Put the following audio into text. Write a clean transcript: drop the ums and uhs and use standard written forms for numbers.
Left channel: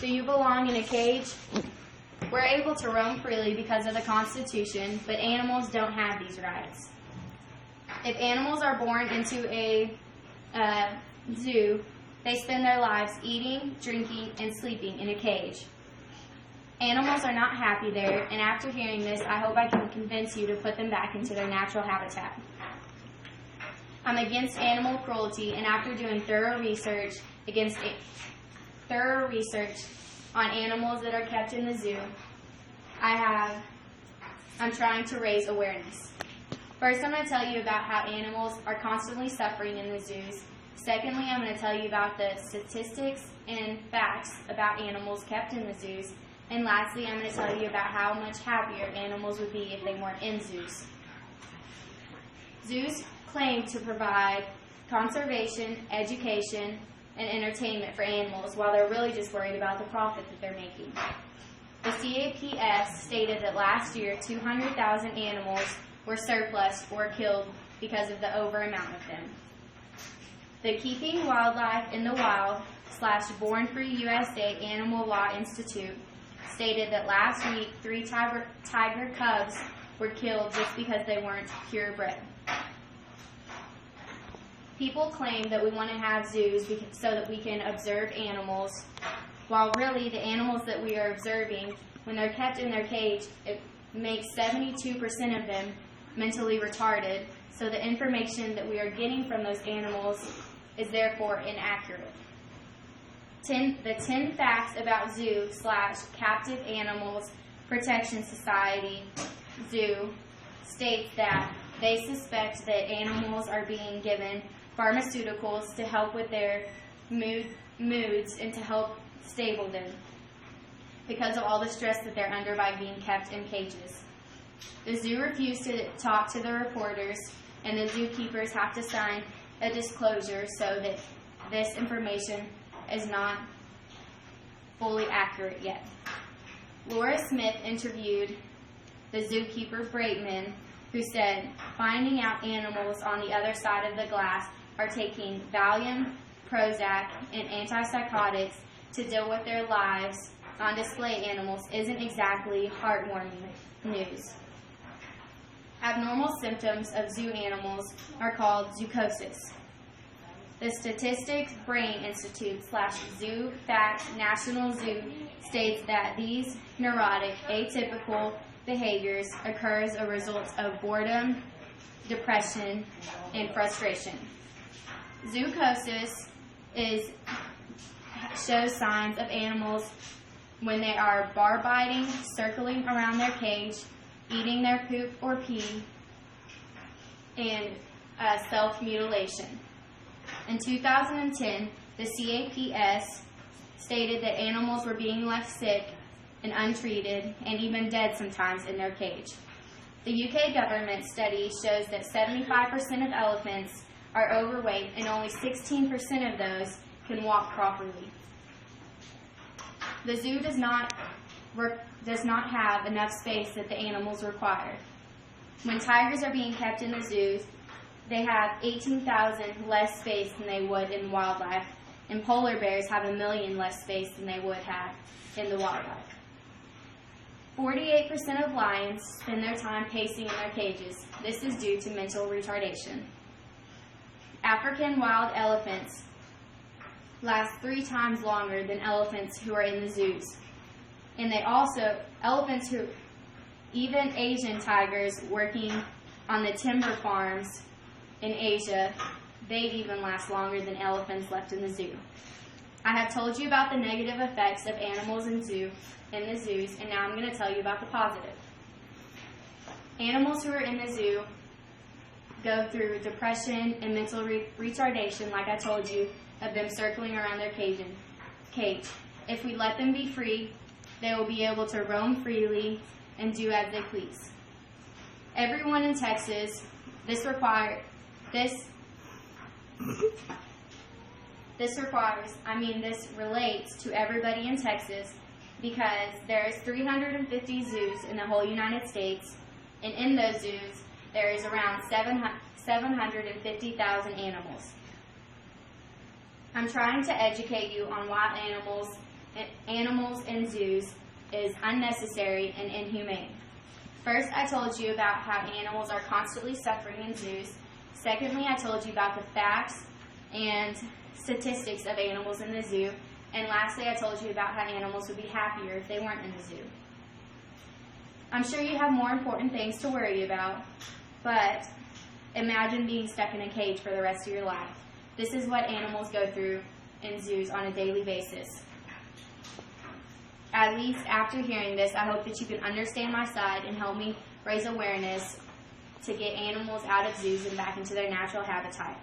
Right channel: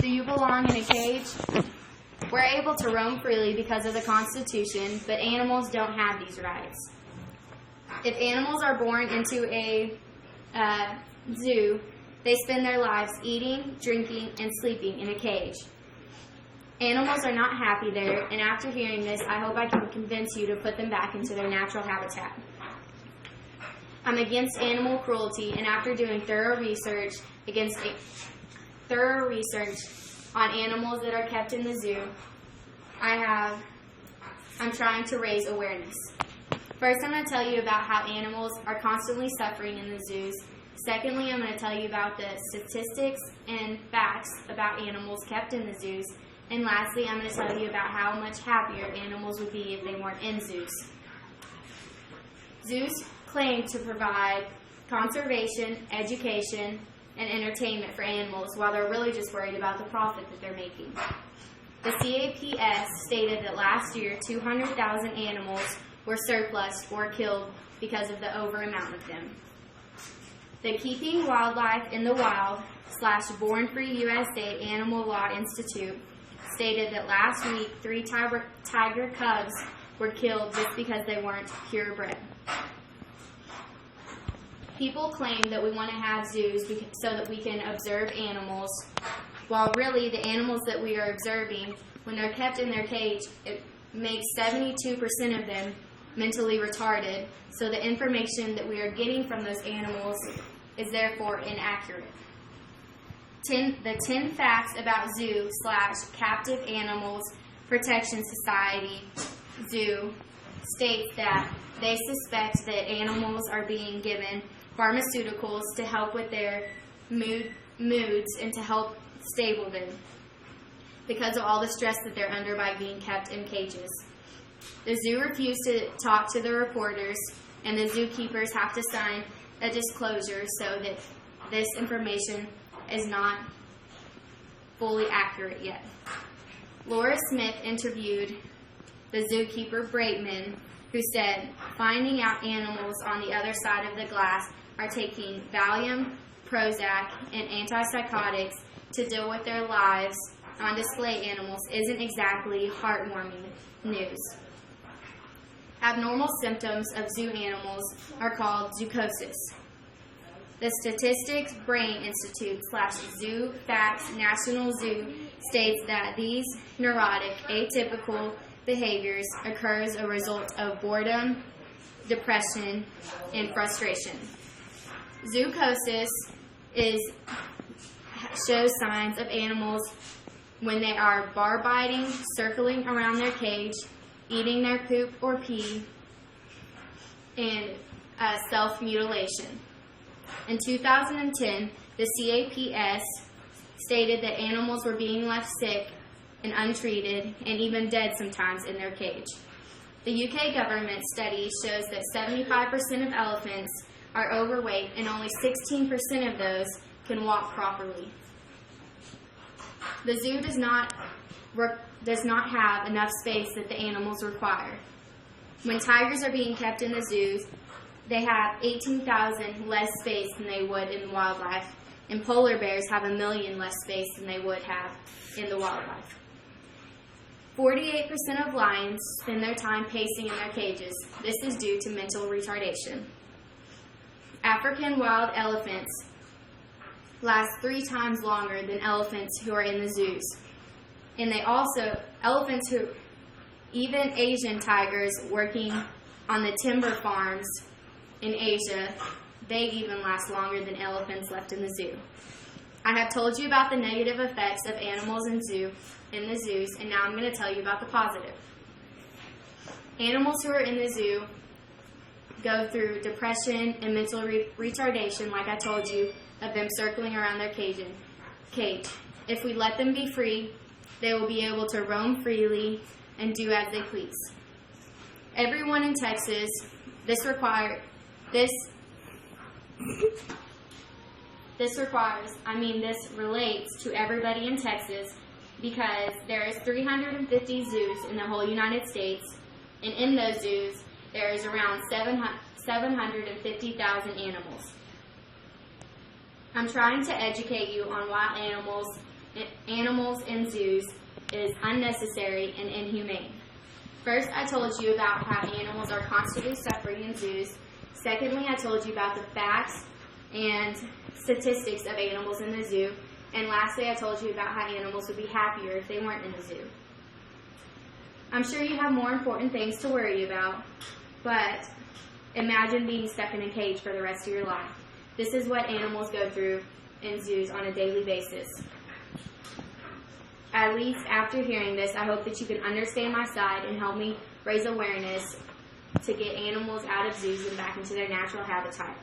Do you belong in a cage? We're able to roam freely because of the Constitution, but animals don't have these rights. If animals are born into a zoo, they spend their lives eating, drinking, and sleeping in a cage. Animals are not happy there, and after hearing this, I hope I can convince you to put them back into their natural habitat. I'm against animal cruelty, and after doing thorough research on animals that are kept in the zoo, I'm trying to raise awareness. First, I'm going to tell you about how animals are constantly suffering in the zoos. Secondly, I'm going to tell you about the statistics and facts about animals kept in the zoos. And lastly, I'm going to tell you about how much happier animals would be if they weren't in zoos. Zoos claim to provide conservation, education, and entertainment for animals, while they're really just worried about the profit that they're making. The CAPS stated that last year, 200,000 animals were surplus or killed because of the over amount of them. The Keeping Wildlife in the Wild / Born Free USA Animal Law Institute stated that last week 3 tiger cubs were killed just because they weren't purebred. People claim that we want to have zoos so that we can observe animals, while really the animals that we are observing, when they're kept in their cage, it makes 72% of them mentally retarded, so the information that we are getting from those animals is therefore inaccurate. The 10 facts about zoo / Captive Animals Protection Society zoo states that they suspect that animals are being given pharmaceuticals to help with their moods and to help stable them because of all the stress that they're under by being kept in cages. The zoo refused to talk to the reporters, and the zookeepers have to sign a disclosure so that this information is not fully accurate yet. Laura Smith interviewed the zookeeper Braitman, who said, finding out animals on the other side of the glass are taking Valium, Prozac, and antipsychotics to deal with their lives on display animals isn't exactly heartwarming news. Abnormal symptoms of zoo animals are called zoochosis. The Statistics Brain Institute / Zoo Facts National Zoo states that these neurotic, atypical behaviors occur as a result of boredom, depression, and frustration. Zoochosis shows signs of animals when they are bar biting, circling around their cage, eating their poop or pee, and self-mutilation. In 2010, the CAPS stated that animals were being left sick and untreated and even dead sometimes in their cage. The UK government study shows that 75% of elephants are overweight and only 16% of those can walk properly. The zoo does not have enough space that the animals require. When tigers are being kept in the zoos, they have 18,000 less space than they would in wildlife, and polar bears have 1 million less space than they would have in the wildlife. 48% of lions spend their time pacing in their cages. This is due to mental retardation. African wild elephants last 3 times longer than elephants who are in the zoos. And even Asian tigers working on the timber farms in Asia, they even last longer than elephants left in the zoo. I have told you about the negative effects of animals in the zoos, and now I'm going to tell you about the positive. Animals who are in the zoo go through depression and mental retardation, like I told you, of them circling around their cage. If we let them be free, they will be able to roam freely and do as they please. Everyone in Texas, this relates to everybody in Texas because there's 350 zoos in the whole United States, and in those zoos, there is around 750,000 animals. I'm trying to educate you on wild animals animals in zoos is unnecessary and inhumane. First, I told you about how animals are constantly suffering in zoos. Secondly, I told you about the facts and statistics of animals in the zoo. And lastly, I told you about how animals would be happier if they weren't in the zoo. I'm sure you have more important things to worry about, but imagine being stuck in a cage for the rest of your life. This is what animals go through in zoos on a daily basis. At least after hearing this, I hope that you can understand my side and help me raise awareness to get animals out of zoos and back into their natural habitat.